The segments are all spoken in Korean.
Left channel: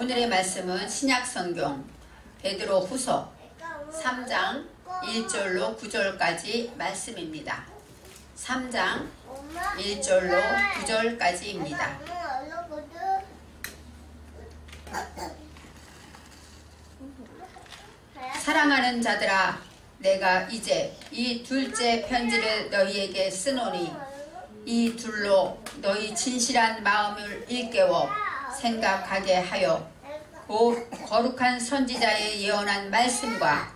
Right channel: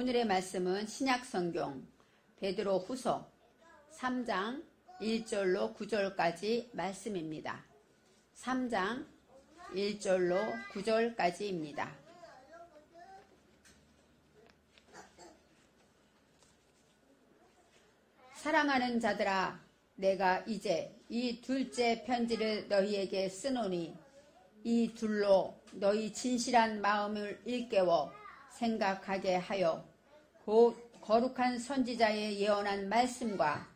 오늘의 말씀은 신약성경 베드로후서 3장 1절로 9절까지 말씀입니다. 3장 1절로 9절까지입니다. 사랑하는 자들아, 내가 이제 이 둘째 편지를 너희에게 쓰노니 이 둘로 너희 진실한 마음을 일깨워 생각하게 하여 곧 거룩한 선지자의 예언한 말씀과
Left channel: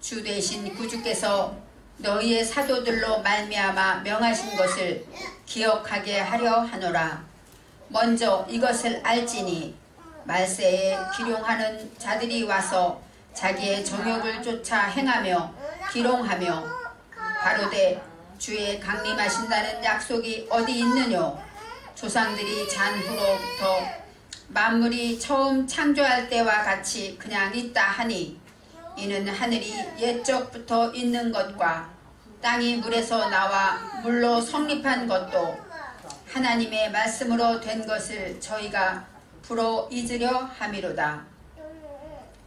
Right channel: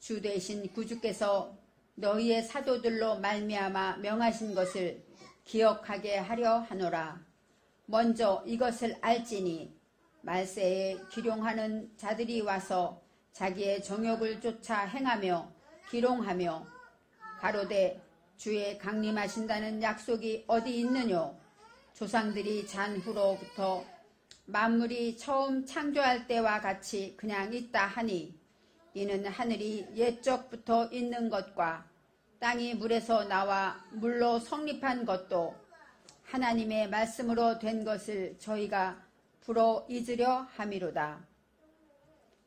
주 되신 구주께서 너희의 사도들로 말미암아 명하신 것을 기억하게 하려 하노라. 먼저 이것을 알지니 말세에 기룡하는 자들이 와서 자기의 정욕을 쫓아 행하며 기롱하며 가로되 주의 강림하신다는 약속이 어디 있느뇨? 조상들이 잔 후로부터 만물이 처음 창조할 때와 같이 그냥 있다 하니 이는 하늘이 옛적부터 있는 것과 땅이 물에서 나와 물로 성립한 것도 하나님의 말씀으로 된 것을 저희가 불어 잊으려 함이로다.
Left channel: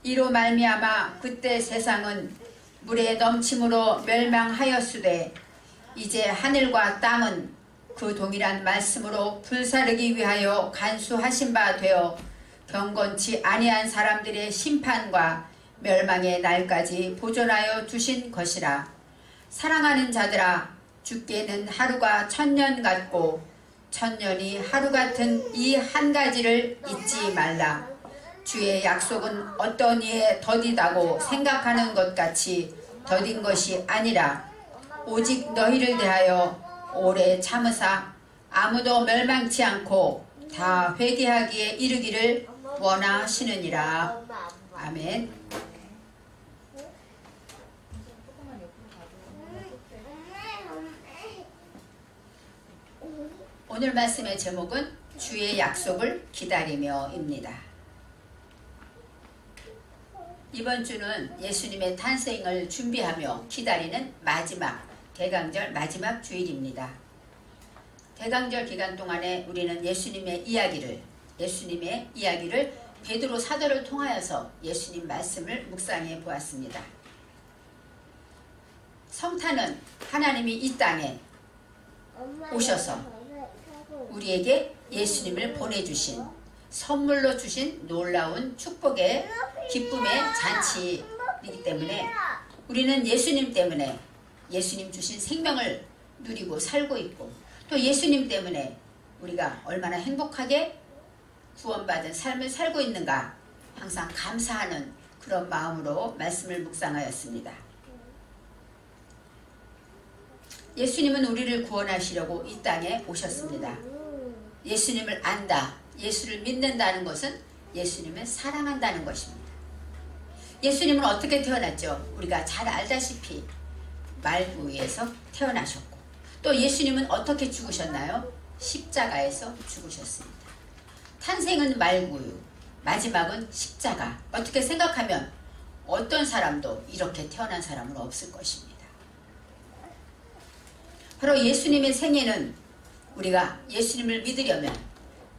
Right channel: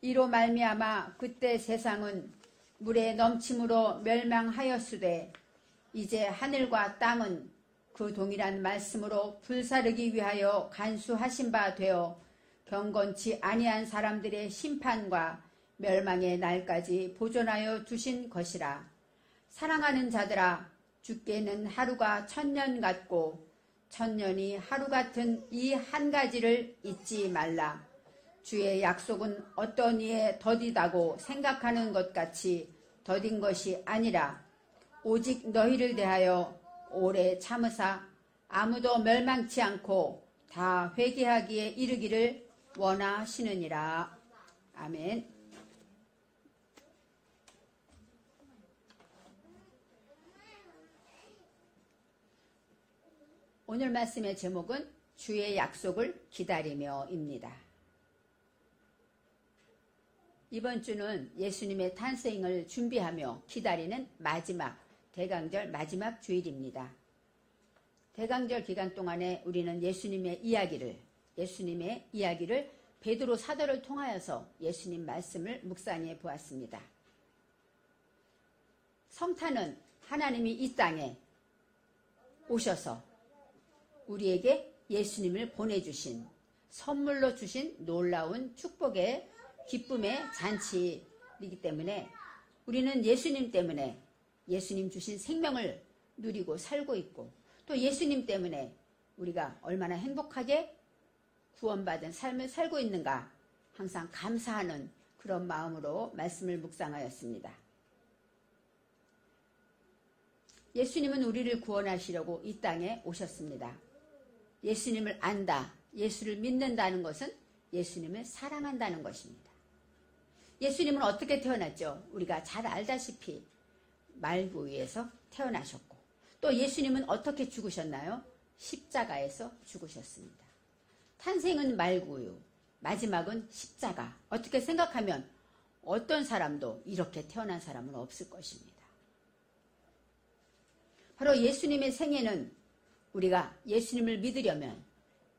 이로 말미암아 그때 세상은 물의 넘침으로 멸망하였으되 이제 하늘과 땅은 그 동일한 말씀으로 불사르기 위하여 간수하신 바 되어 경건치 아니한 사람들의 심판과 멸망의 날까지 보존하여 두신 것이라. 사랑하는 자들아, 주께는 하루가 1000년 같고 1000년이 하루 같은 이 한 가지를 잊지 말라. 주의 약속은 어떤 이에 더디다고 생각하는 것 같이 더딘 것이 아니라 오직 너희를 대하여 오래 참으사 아무도 멸망치 않고 다 회개하기에 이르기를 원하시느니라. 아멘. 오늘 말씀의 제목은 주의 약속을 기다리며입니다. 이번 주는 예수님의 탄생을 준비하며 기다리는 마지막 대강절 마지막 주일입니다. 대강절 기간 동안에 우리는 예수님의 이야기를 베드로 사도를 통하여서 예수님 말씀을 묵상해 보았습니다. 성탄은 하나님이 이 땅에 오셔서 우리에게 예수님을 보내주신 선물로 주신 놀라운 축복의 기쁨의 잔치이기 때문에 우리는 예수님 때문에 예수님 주신 생명을 누리고 살고 있고 또 예수님 때문에 우리가 얼마나 행복하게 구원받은 삶을 살고 있는가 항상 감사하는 그런 마음으로 말씀을 묵상하였습니다. 예수님은 우리를 구원하시려고 이 땅에 오셨습니다. 예수님을 안다, 예수를 믿는다는 것은 예수님을 사랑한다는 것입니다. 예수님은 어떻게 태어났죠? 우리가 잘 알다시피 말구유에서 태어나셨고 또 예수님은 어떻게 죽으셨나요? 십자가에서 죽으셨습니다. 탄생은 말구유, 마지막은 십자가. 어떻게 생각하면 어떤 사람도 이렇게 태어난 사람은 없을 것입니다. 바로 예수님의 생애는 우리가 예수님을 믿으려면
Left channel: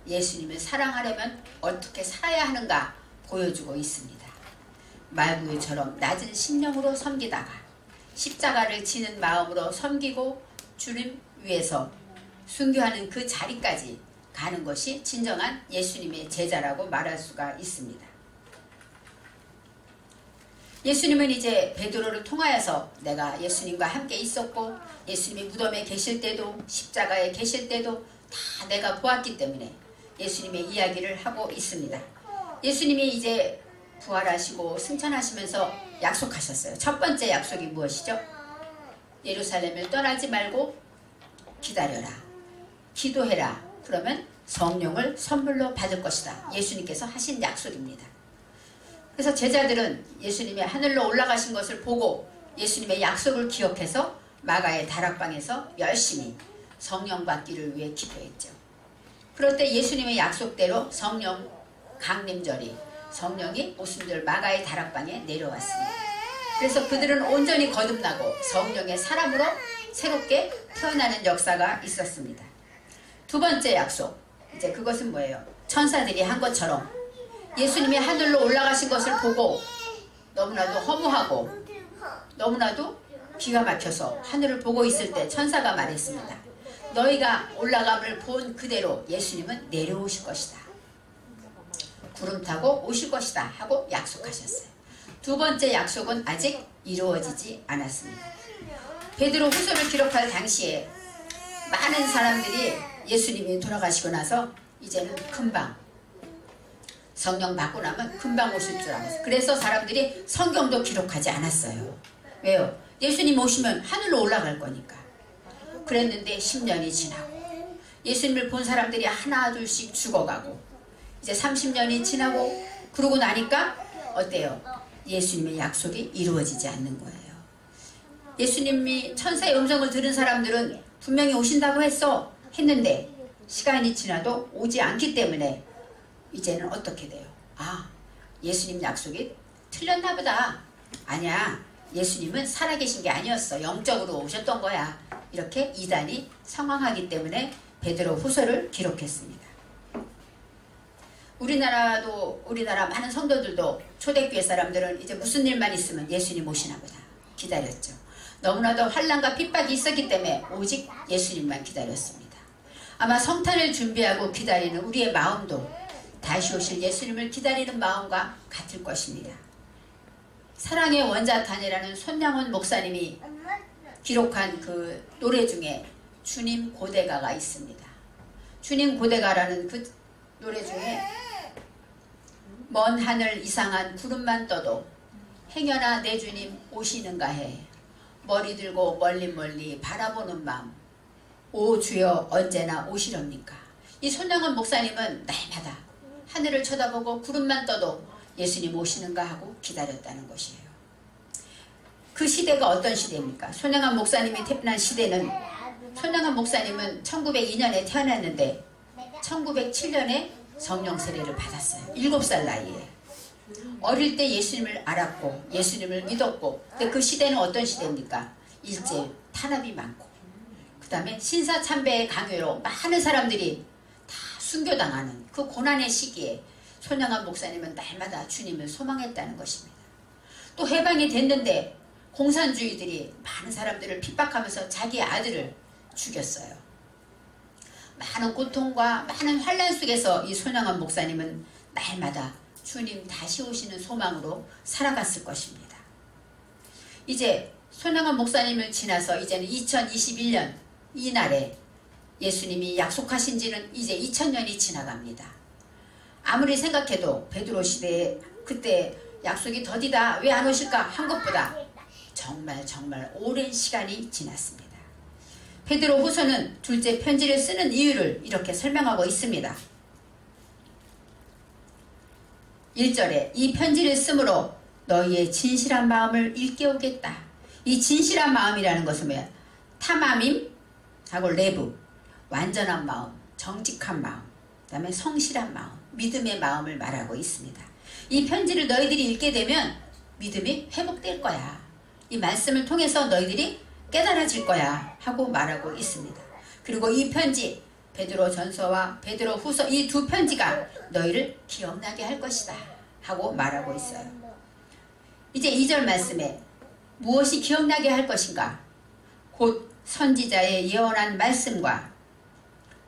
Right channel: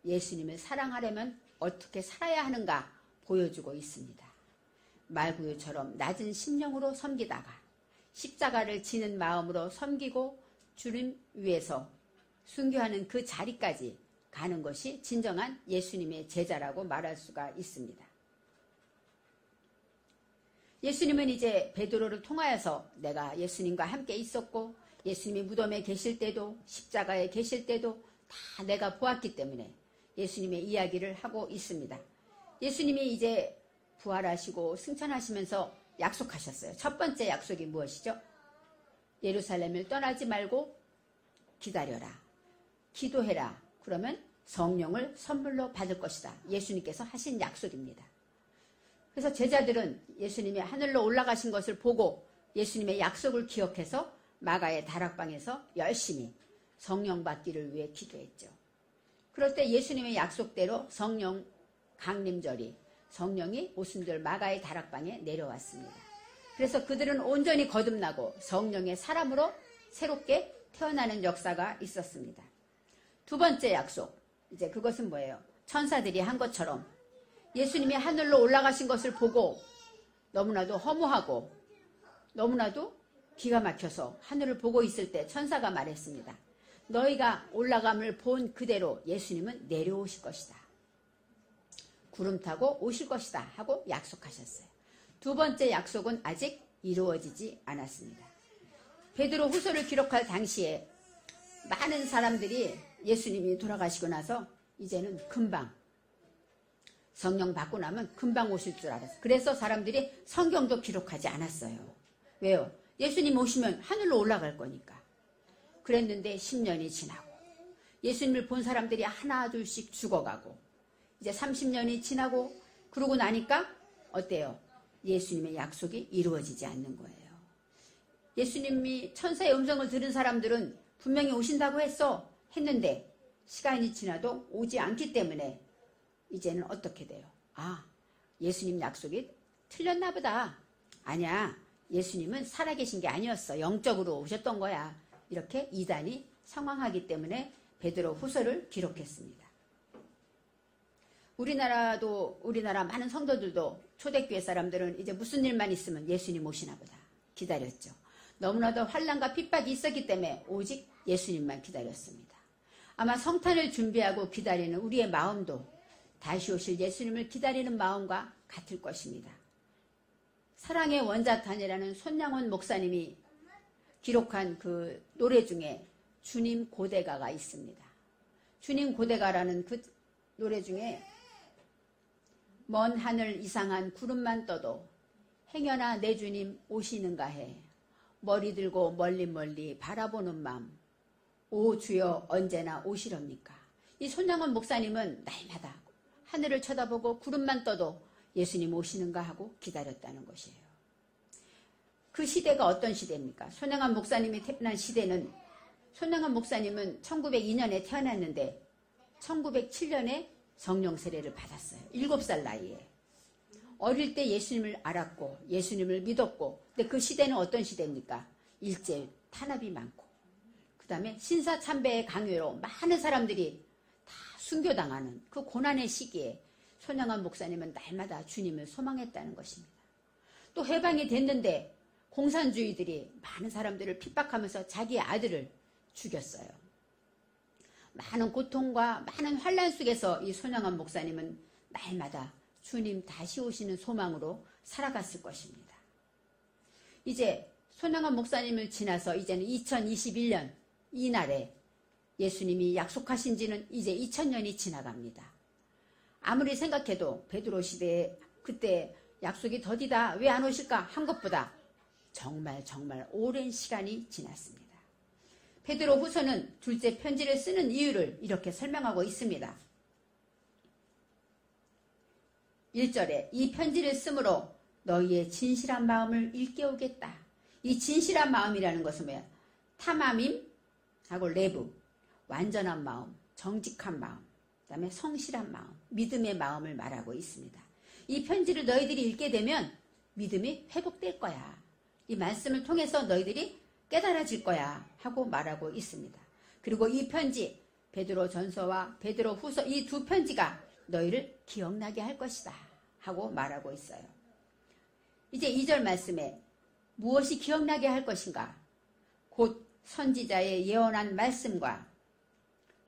예수님을 사랑하려면 어떻게 살아야 하는가 보여주고 있습니다. 말구유처럼 낮은 심령으로 섬기다가 십자가를 지는 마음으로 섬기고 주님 위해서 순교하는 그 자리까지 가는 것이 진정한 예수님의 제자라고 말할 수가 있습니다. 예수님은 이제 베드로를 통하여서 내가 예수님과 함께 있었고 예수님이 무덤에 계실 때도 십자가에 계실 때도 다 내가 보았기 때문에 예수님의 이야기를 하고 있습니다. 예수님이 이제 부활하시고 승천하시면서 약속하셨어요. 첫 번째 약속이 무엇이죠? 예루살렘을 떠나지 말고 기다려라. 기도해라. 그러면 성령을 선물로 받을 것이다. 예수님께서 하신 약속입니다. 그래서 제자들은 예수님이 하늘로 올라가신 것을 보고 예수님의 약속을 기억해서 마가의 다락방에서 열심히 성령 받기를 위해 기도했죠. 그럴 때 예수님의 약속대로 성령 강림절이 성령이 모순들 마가의 다락방에 내려왔습니다. 그래서 그들은 온전히 거듭나고 성령의 사람으로 새롭게 태어나는 역사가 있었습니다. 두 번째 약속, 이제 그것은 뭐예요? 천사들이 한 것처럼 예수님이 하늘로 올라가신 것을 보고 너무나도 허무하고 너무나도 기가 막혀서 하늘을 보고 있을 때 천사가 말했습니다. 너희가 올라감을 본 그대로 예수님은 내려오실 것이다. 구름 타고 오실 것이다 하고 약속하셨어요. 두 번째 약속은 아직 이루어지지 않았습니다. 베드로 후서를 기록할 당시에 많은 사람들이 예수님이 돌아가시고 나서 이제는 금방 성령 받고 나면 금방 오실 줄 알았어요. 그래서 사람들이 성경도 기록하지 않았어요. 왜요? 예수님 오시면 하늘로 올라갈 거니까. 그랬는데 10년이 지나고 예수님을 본 사람들이 하나 둘씩 죽어가고 이제 30년이 지나고 그러고 나니까 어때요? 예수님의 약속이 이루어지지 않는 거예요. 예수님이 천사의 음성을 들은 사람들은 분명히 오신다고 했는데 시간이 지나도 오지 않기 때문에 이제는 어떻게 돼요? 아, 예수님 약속이 틀렸나 보다. 아니야, 예수님은 살아계신 게 아니었어. 영적으로 오셨던 거야. 이렇게 이단이 상황하기 때문에 베드로 후서를 기록했습니다. 우리나라 많은 성도들도 초대교회 사람들은 이제 무슨 일만 있으면 예수님 오시나 보다 기다렸죠. 너무나도 환난과 핍박이 있었기 때문에 오직 예수님만 기다렸습니다. 아마 성탄을 준비하고 기다리는 우리의 마음도 다시 오실 예수님을 기다리는 마음과 같을 것입니다. 사랑의 원자탄이라는 손양원 목사님이 기록한 그 노래 중에 주님 고대가가 있습니다. 주님 고대가라는 그 노래 중에 먼 하늘 이상한 구름만 떠도 행여나 내 주님 오시는가 해 머리 들고 멀리 멀리 바라보는 마음 오 주여 언제나 오시렵니까. 이 손양원 목사님은 날마다 하늘을 쳐다보고 구름만 떠도 예수님 오시는가 하고 기다렸다는 것이에요. 그 시대가 어떤 시대입니까? 손양원 목사님이 태어난 시대는 손양원 목사님은 1902년에 태어났는데 1907년에 성령 세례를 받았어요. 7살 나이에. 어릴 때 예수님을 알았고 예수님을 믿었고 근데 그 시대는 어떤 시대입니까? 일제 탄압이 많고 그 다음에 신사참배의 강요로 많은 사람들이 다 순교당하는 그 고난의 시기에 손양원 목사님은 날마다 주님을 소망했다는 것입니다. 또 해방이 됐는데 공산주의들이 많은 사람들을 핍박하면서 자기 아들을 죽였어요. 많은 고통과 많은 환난 속에서 이 손양원 목사님은 날마다 주님 다시 오시는 소망으로 살아갔을 것입니다. 이제 손양원 목사님을 지나서 이제는 2021년 이날에 예수님이 약속하신 지는 이제 2000년이 지나갑니다. 아무리 생각해도 베드로 시대에 그때 약속이 더디다 왜 안 오실까 한 것보다 정말 오랜 시간이 지났습니다. 베드로 후서는 둘째 편지를 쓰는 이유를 이렇게 설명하고 있습니다. 1절에 이 편지를 쓰므로 너희의 진실한 마음을 일깨우겠다. 이 진실한 마음이라는 것은 뭐야? 탐함임 하고 레브 완전한 마음, 정직한 마음, 그 다음에 성실한 마음, 믿음의 마음을 말하고 있습니다. 이 편지를 너희들이 읽게 되면 믿음이 회복될 거야. 이 말씀을 통해서 너희들이 깨달아질 거야 하고 말하고 있습니다. 그리고 이 편지 베드로 전서와 베드로 후서 이 두 편지가 너희를 기억나게 할 것이다 하고 말하고 있어요. 이제 2절 말씀에 무엇이 기억나게 할 것인가? 곧 선지자의 예언한 말씀과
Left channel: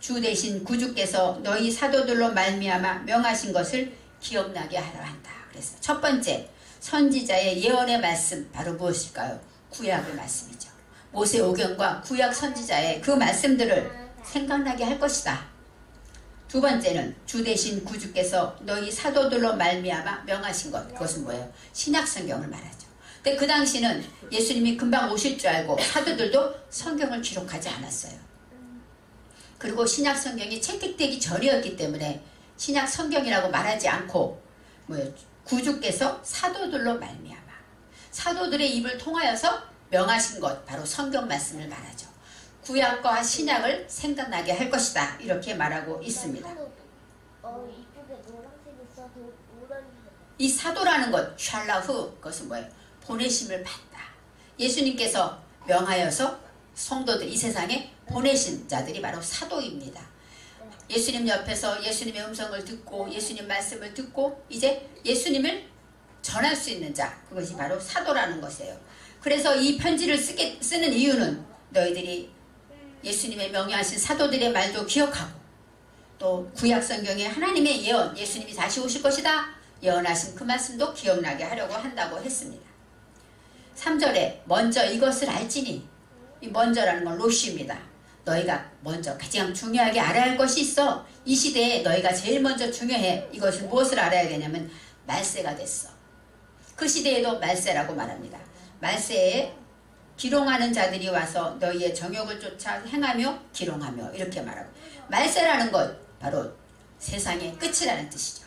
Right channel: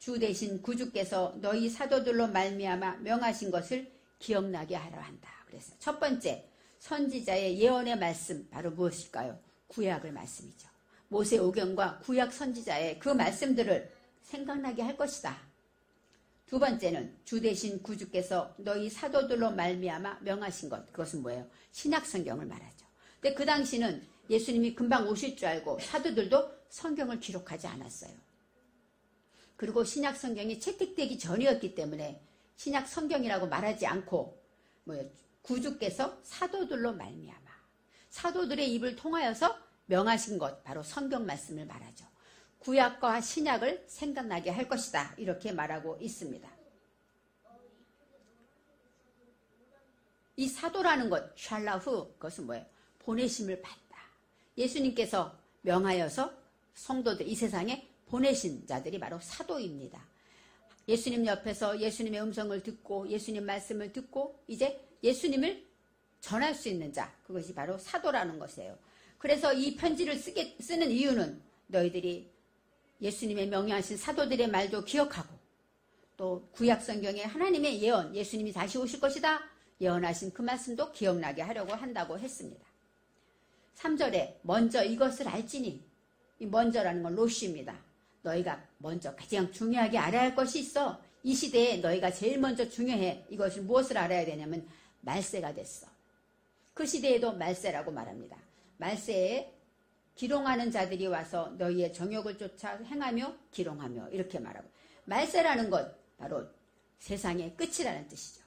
주 대신 구주께서 너희 사도들로 말미암아 명하신 것을 기억나게 하려 한다. 그래서 첫 번째 선지자의 예언의 말씀 바로 무엇일까요? 구약의 말씀이죠. 모세오경과 구약 선지자의 그 말씀들을 생각나게 할 것이다. 두 번째는 주 대신 구주께서 너희 사도들로 말미암아 명하신 것. 그것은 뭐예요? 신약성경을 말하죠. 근데 그 당시는 예수님이 금방 오실 줄 알고 사도들도 성경을 기록하지 않았어요. 그리고 신약성경이 채택되기 전이었기 때문에 신약성경이라고 말하지 않고 뭐예요? 구주께서 사도들로 말미암아 사도들의 입을 통하여서 명하신 것 바로 성경 말씀을 말하죠. 구약과 신약을 생각나게 할 것이다 이렇게 말하고 있습니다. 이 사도라는 것 샬라후 그것은 뭐예요? 보내심을 받다. 예수님께서 명하여서 성도들 이 세상에 보내신 자들이 바로 사도입니다. 예수님 옆에서 예수님의 음성을 듣고 예수님 말씀을 듣고 이제 예수님을 전할 수 있는 자, 그것이 바로 사도라는 것이에요. 그래서 이 편지를 쓰는 이유는 너희들이 예수님의 명예하신 사도들의 말도 기억하고 또 구약성경에 하나님의 예언, 예수님이 다시 오실 것이다 예언하신 그 말씀도 기억나게 하려고 한다고 했습니다. 3절에 먼저 이것을 알지니, 이 먼저라는 건 로시입니다. 너희가 먼저 가장 중요하게 알아야 할 것이 있어. 이 시대에 너희가 제일 먼저 중요해. 이것을 무엇을 알아야 되냐면 말세가 됐어. 그 시대에도 말세라고 말합니다. 말세에 기롱하는 자들이 와서 너희의 정욕을 쫓아 행하며 기롱하며 이렇게 말하고, 말세라는 것 바로 세상의 끝이라는 뜻이죠.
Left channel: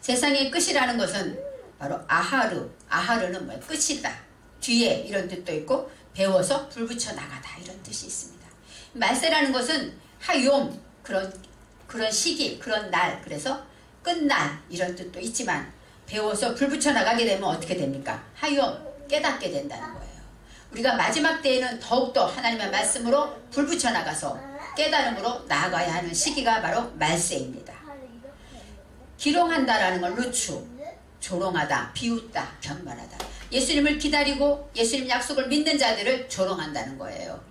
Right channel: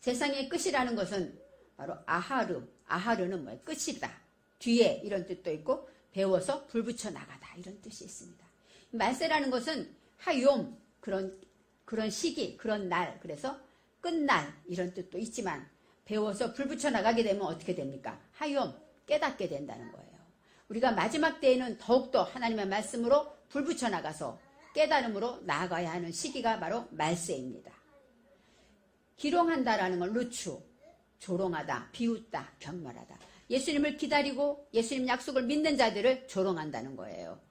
세상의 끝이라는 것은 바로 아하르, 아하르는 뭐예요? 끝이다. 뒤에 이런 뜻도 있고 배워서 불 붙여 나가다 이런 뜻이 있습니다. 말세라는 것은 하욤, 그런 시기, 그런 날, 그래서 끝날 이런 뜻도 있지만 배워서 불 붙여 나가게 되면 어떻게 됩니까? 하욤, 깨닫게 된다는 거예요. 우리가 마지막 때에는 더욱더 하나님의 말씀으로 불 붙여 나가서 깨달음으로 나아가야 하는 시기가 바로 말세입니다. 기롱한다라는 건 루추, 조롱하다, 비웃다, 경멸하다. 예수님을 기다리고 예수님 약속을 믿는 자들을 조롱한다는 거예요.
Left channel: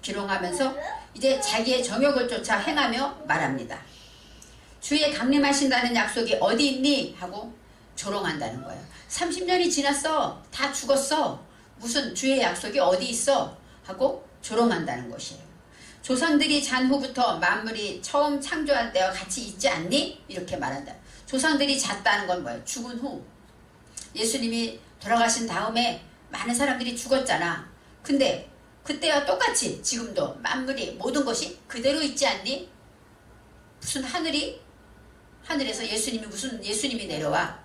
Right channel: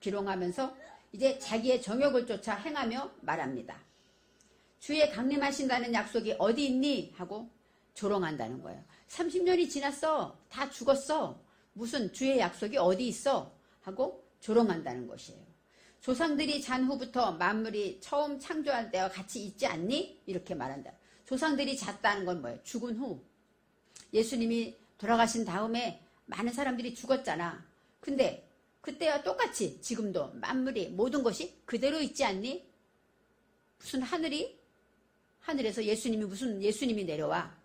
기롱하면서 이제 자기의 정욕을 쫓아 행하며 말합니다. 주의 강림하신다는 약속이 어디 있니? 하고 조롱한다는 거예요. 30년이 지났어. 다 죽었어. 무슨 주의 약속이 어디 있어? 하고 조롱한다는 것이에요. 조상들이 잔 후부터 만물이 처음 창조할 때와 같이 있지 않니? 이렇게 말한다. 조상들이 잤다는 건 뭐예요? 죽은 후. 예수님이 돌아가신 다음에 많은 사람들이 죽었잖아. 근데 그때와 똑같이 지금도 만물이 모든 것이 그대로 있지 않니? 무슨 하늘에서 무슨 예수님이 내려와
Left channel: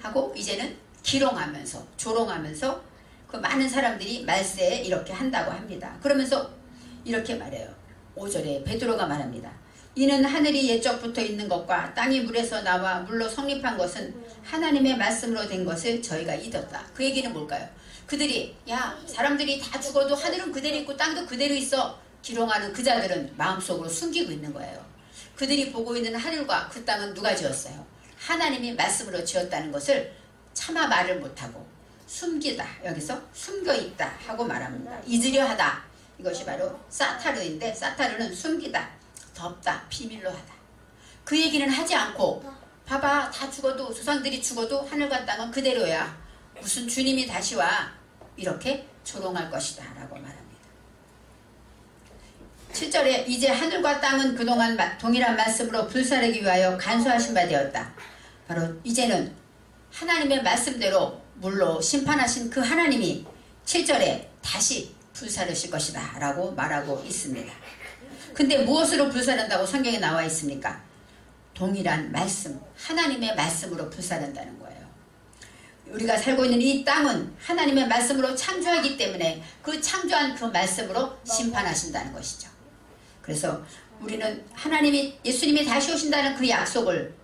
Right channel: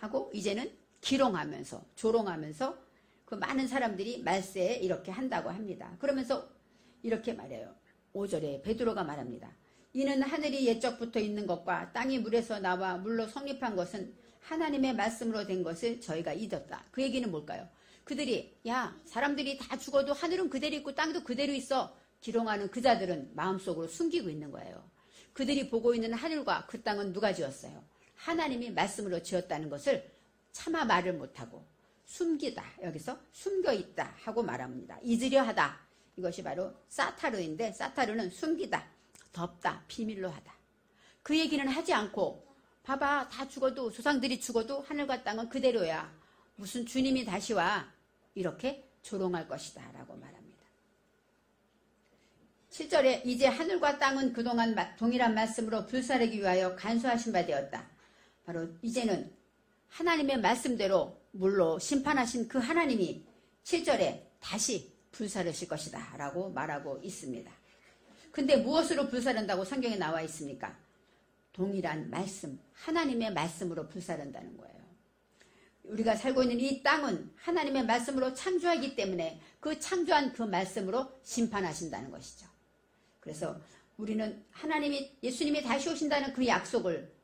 하고 이제는 기롱하면서 조롱하면서 그 많은 사람들이 말세에 이렇게 한다고 합니다. 그러면서 이렇게 말해요. 5절에 베드로가 말합니다. 이는 하늘이 옛적부터 있는 것과 땅이 물에서 나와 물로 성립한 것은 하나님의 말씀으로 된 것을 저희가 잊었다. 그 얘기는 뭘까요? 그들이 사람들이 다 죽어도 하늘은 그대로 있고 땅도 그대로 있어 기롱하는 그 자들은 마음속으로 숨기고 있는 거예요. 그들이 보고 있는 하늘과 그 땅은 누가 지었어요? 하나님이 말씀으로 지었다는 것을 차마 말을 못하고 숨기다, 여기서 숨겨있다 하고 말합니다. 잊으려 하다. 이것이 바로 사타르인데, 사타르는 숨기다, 덮다, 비밀로 하다. 그 얘기는 하지 않고 봐봐, 다 죽어도, 조상들이 죽어도 하늘과 땅은 그대로야. 무슨 주님이 다시 와. 이렇게 조롱할 것이다 라고 말합니다. 7절에 이제 하늘과 땅은 그동안 동일한 말씀으로 불사르기 위하여 간수하신 바 되었다. 바로 이제는 하나님의 말씀대로 물로 심판하신 그 하나님이 7절에 다시 불사르실 것이다 라고 말하고 있습니다. 근데 무엇으로 불사른다고 성경에 나와 있습니까? 동일한 말씀, 하나님의 말씀으로 불사른다는 거예요. 우리가 살고 있는 이 땅은 하나님의 말씀으로 창조하기 때문에 그 창조한 그 말씀으로 심판하신다는 것이죠. 그래서 우리는 예수님이 다시 오신다는 그 약속을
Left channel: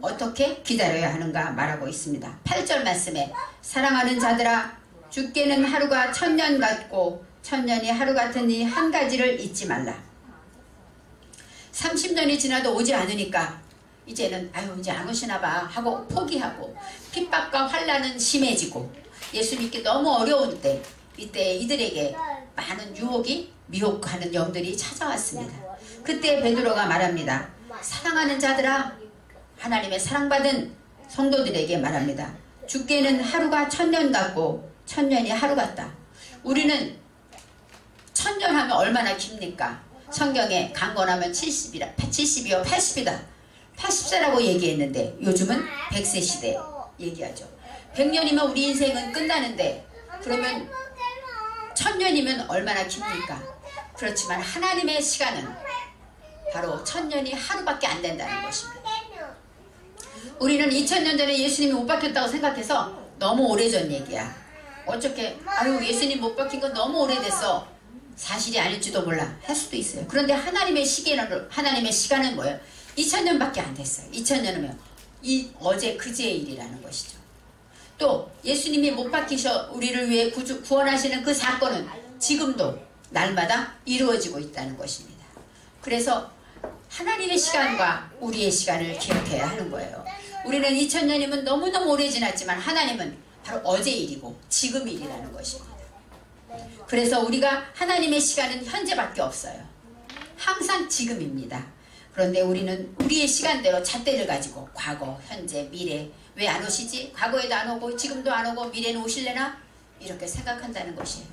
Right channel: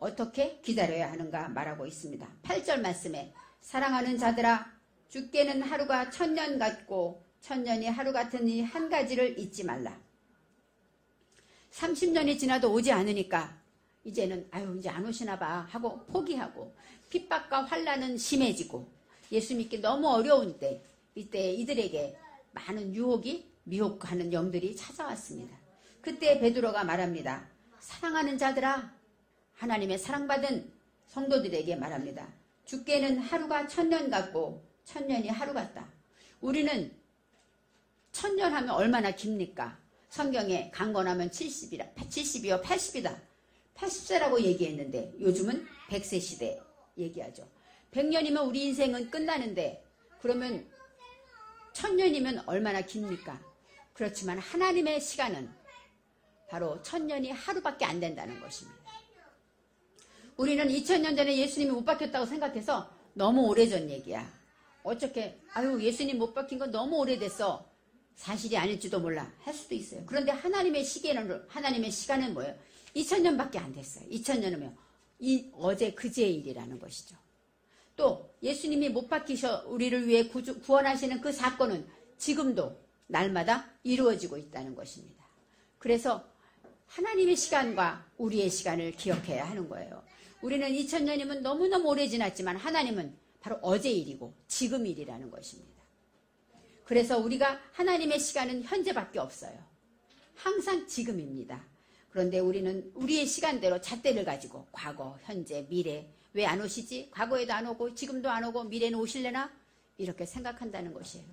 어떻게 기다려야 하는가 말하고 있습니다. 8절 말씀에 사랑하는 자들아, 주께는 하루가 1000년 같고 1000년이 하루 같으니 한 가지를 잊지 말라. 30년이 지나도 오지 않으니까 이제는 이제 안 오시나 봐 하고 포기하고, 핍박과 환난은 심해지고 예수 믿기 너무 어려운 때, 이때 이들에게 많은 유혹이 미혹하는 영들이 찾아왔습니다. 그때 베드로가 말합니다. 사랑하는 자들아, 하나님의 사랑받은 성도들에게 말합니다. 주께는 하루가 1000년 같고 1000년이 하루 같다. 우리는 1000년 하면 얼마나 깁니까? 성경에 강건하면 70이요 80이다. 80세라고 얘기했는데 요즘은 100세 시대 얘기하죠. 100년이면 우리 인생은 끝나는데, 그러면 1000년이면 얼마나 깁니까? 그렇지만 하나님의 시간은 바로 1000년이 하루밖에 안 된다는 것입니다. 우리는 2000년 전에 예수님이 못 박혔다고 생각해서 너무 오래전 얘기야. 어떻게 예수님 못 박힌 거 너무 오래됐어. 사실이 아닐지도 몰라 할 수도 있어요. 그런데 하나님의 시간은 뭐예요? 2000년밖에 안 됐어요. 2000년이면 어제 그제의 일이라는 것이죠. 또 예수님이 못 박히셔 우리를 위해 구원하시는 그 사건은 지금도 날마다 이루어지고 있다는 것입니다. 그래서 하나님의 시간과 우리의 시간을 기억해야 하는 거예요. 우리는 2000년이면 너무너무 오래 지났지만 하나님은 바로 어제 일이고 지금 일이라는 것입니다. 그래서 우리가 하나님의 시간은 현재밖에 없어요. 항상 지금입니다. 그런데 우리는 우리의 시간대로 잣대를 가지고 과거, 현재, 미래 왜 안 오시지? 과거에도 안 오고 지금도 안 오고 미래는 오실래나? 이렇게 생각한다는 것이에요.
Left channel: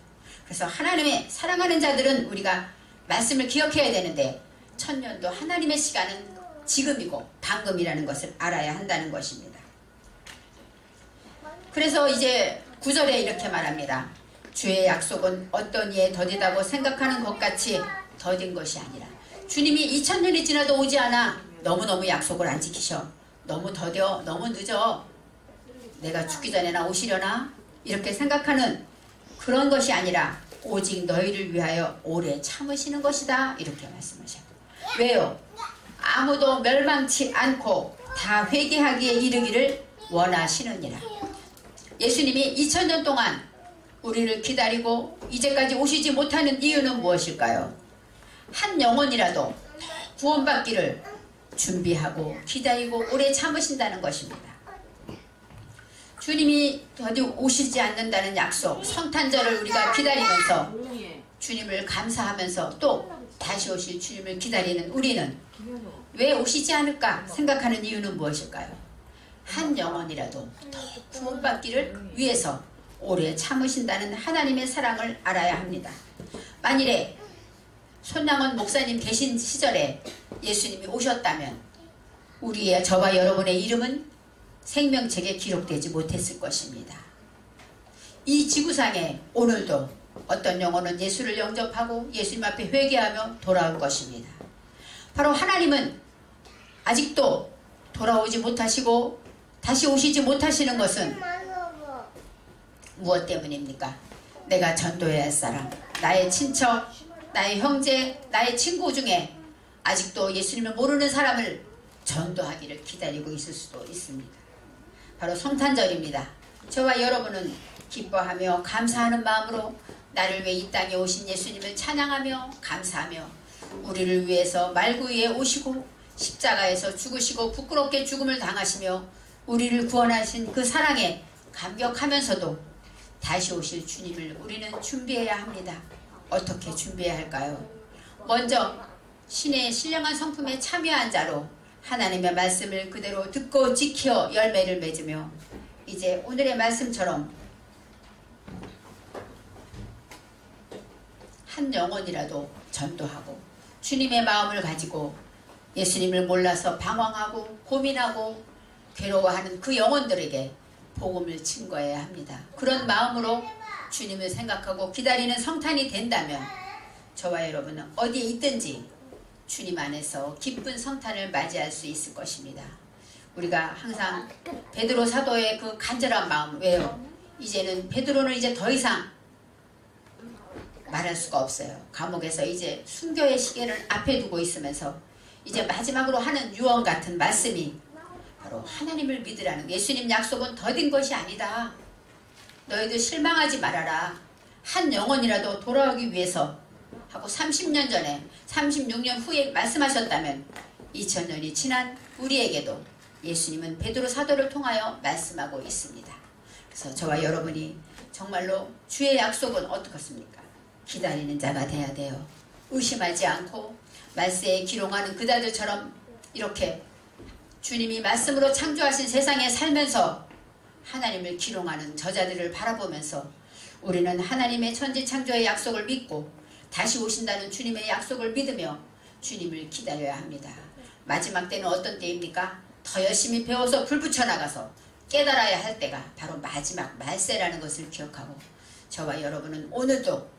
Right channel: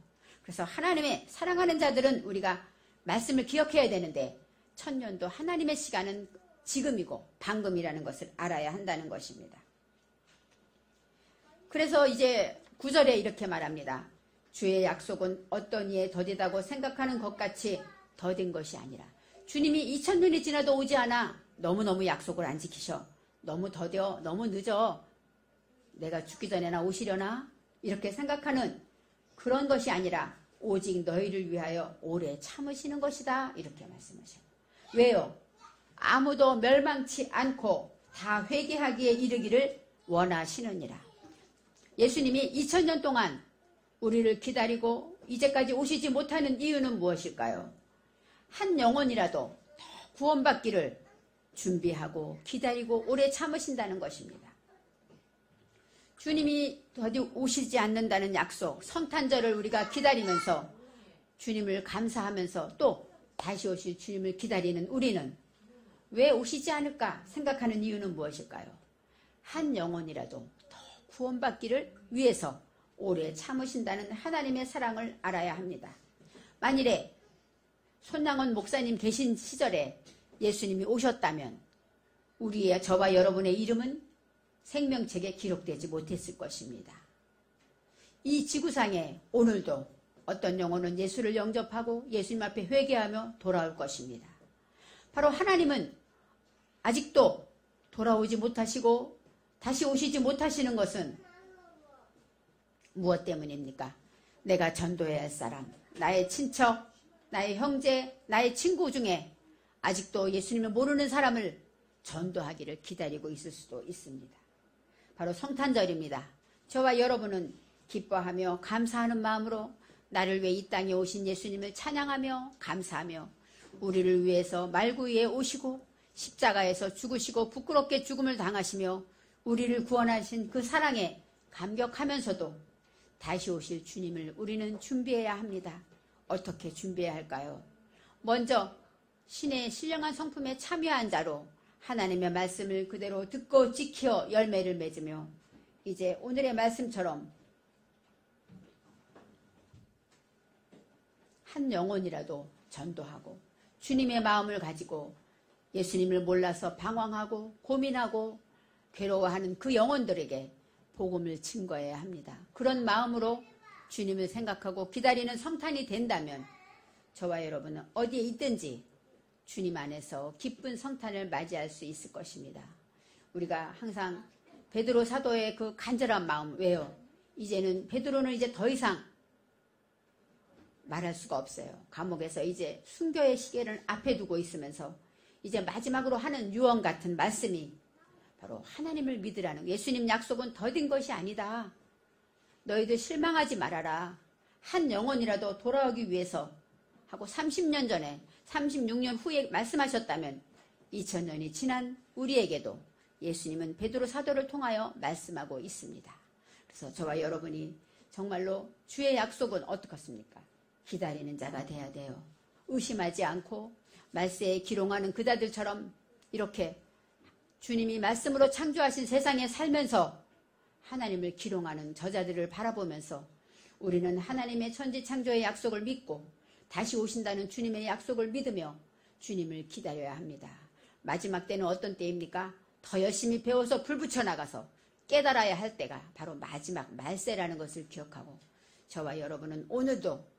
그래서 하나님의 사랑하는 자들은 우리가 말씀을 기억해야 되는데 천년도 하나님의 시간은 지금이고 방금이라는 것을 알아야 한다는 것입니다. 그래서 이제 9절에 이렇게 말합니다. 주의 약속은 어떤 이에 더디다고 생각하는 것 같이 더딘 것이 아니라 주님이 2000년이 지나도 오지 않아. 너무너무 약속을 안 지키셔. 너무 더뎌. 너무 늦어. 내가 죽기 전에나 오시려나? 이렇게 생각하는 그런 것이 아니라 오직 너희를 위하여 오래 참으시는 것이다. 이렇게 말씀하셔요. 왜요? 아무도 멸망치 않고 다 회개하기에 이르기를 원하시느니라. 예수님이 2000년 동안 우리를 기다리고 이제까지 오시지 못하는 이유는 무엇일까요? 한 영혼이라도 구원받기를 준비하고 기다리고 오래 참으신다는 것입니다. 주님이 더디 오시지 않는다는 약속, 성탄절을 우리가 기다리면서 주님을 감사하면서 또 다시 오실 주님을 기다리는 우리는 왜 오시지 않을까 생각하는 이유는 무엇일까요? 한 영혼이라도 더 구원받기를 위해서 오래 참으신다는 하나님의 사랑을 알아야 합니다. 만일에 손남원 목사님 계신 시절에 예수님이 오셨다면 우리의 저와 여러분의 이름은 생명책에 기록되지 못했을 것입니다. 이 지구상에 오늘도 어떤 영혼은 예수를 영접하고 예수님 앞에 회개하며 돌아올 것입니다. 바로 하나님은 아직도 돌아오지 못하시고 다시 오시지 못하시는 것은 무엇 때문입니까? 내가 전도해야 할 사람, 나의 친척, 나의 형제, 나의 친구 중에 아직도 예수님을 모르는 사람을 전도하기를 기다리고 있을 수도 있습니다. 바로 성탄절입니다. 저와 여러분은 기뻐하며 감사하는 마음으로 나를 위해 이 땅에 오신 예수님을 찬양하며 감사하며 우리를 위해서 말구 위에 오시고 십자가에서 죽으시고 부끄럽게 죽음을 당하시며 우리를 구원하신 그 사랑에 감격하면서도 다시 오실 주님을 우리는 준비해야 합니다. 어떻게 준비해야 할까요? 먼저 신의 신령한 성품에 참여한 자로 하나님의 말씀을 그대로 듣고 지켜 열매를 맺으며 이제 오늘의 말씀처럼 한 영혼이라도 전도하고 주님의 마음을 가지고 예수님을 몰라서 방황하고 고민하고 괴로워하는 그 영혼들에게 복음을 증거해야 합니다. 그런 마음으로 주님을 생각하고 기다리는 성탄이 된다면 저와 여러분은 어디에 있든지 주님 안에서 기쁜 성탄을 맞이할 수 있을 것입니다. 우리가 항상 베드로 사도의 그 간절한 마음, 왜요? 이제는 베드로는 이제 더 이상 말할 수가 없어요. 감옥에서 이제 순교의 시계를 앞에 두고 있으면서 이제 마지막으로 하는 유언 같은 말씀이 바로 하나님을 믿으라는, 예수님 약속은 더딘 것이 아니다. 너희들 실망하지 말아라. 한 영혼이라도 돌아오기 위해서 하고 30년 전에 36년 후에 말씀하셨다면 2000년이 지난 우리에게도 예수님은 베드로 사도를 통하여 말씀하고 있습니다. 그래서 저와 여러분이 정말로 주의 약속은 어떻습니까? 기다리는 자가 돼야 돼요. 의심하지 않고 말세에 기롱하는 그다들처럼 이렇게 주님이 말씀으로 창조하신 세상에 살면서 하나님을 기롱하는 저자들을 바라보면서 우리는 하나님의 천지창조의 약속을 믿고 다시 오신다는 주님의 약속을 믿으며 주님을 기다려야 합니다. 마지막 때는 어떤 때입니까? 더 열심히 배워서 불 붙여나가서 깨달아야 할 때가 바로 마지막 말세라는 것을 기억하고 저와 여러분은 오늘도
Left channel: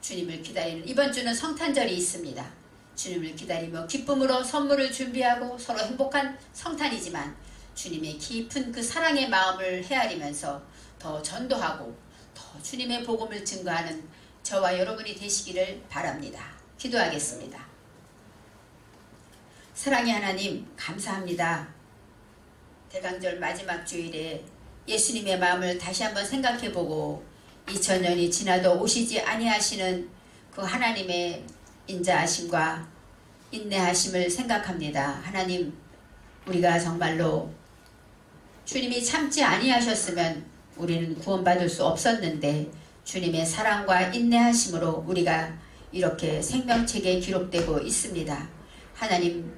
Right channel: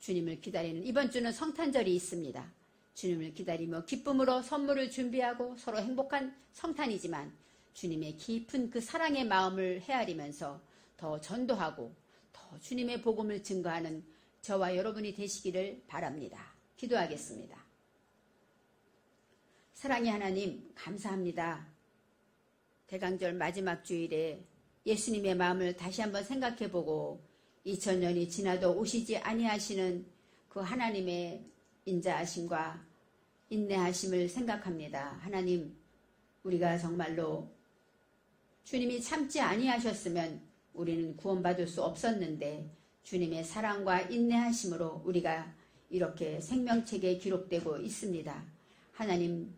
주님을 기다리는, 이번 주는 성탄절이 있습니다. 주님을 기다리며 기쁨으로 선물을 준비하고 서로 행복한 성탄이지만 주님의 깊은 그 사랑의 마음을 헤아리면서 더 전도하고 더 주님의 복음을 증거하는 저와 여러분이 되시기를 바랍니다. 기도하겠습니다. 사랑의 하나님, 감사합니다. 대강절 마지막 주일에 예수님의 마음을 다시 한번 생각해보고 2000년이 지나도 오시지 아니하시는 그 하나님의 인자하심과 인내하심을 생각합니다. 하나님, 우리가 정말로 주님이 참지 아니하셨으면 우리는 구원받을 수 없었는데 주님의 사랑과 인내하심으로 우리가 이렇게 생명책에 기록되고 있습니다. 하나님,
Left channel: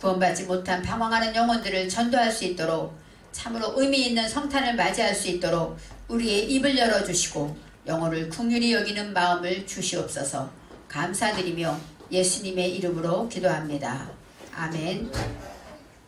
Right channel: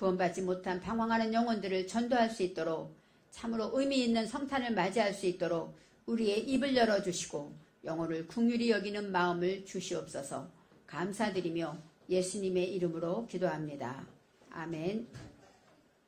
구원받지 못한 방황하는 영혼들을 전도할 수 있도록 참으로 의미 있는 성탄을 맞이할 수 있도록 우리의 입을 열어주시고 영혼을 긍휼히 여기는 마음을 주시옵소서. 감사드리며 예수님의 이름으로 기도합니다. 아멘.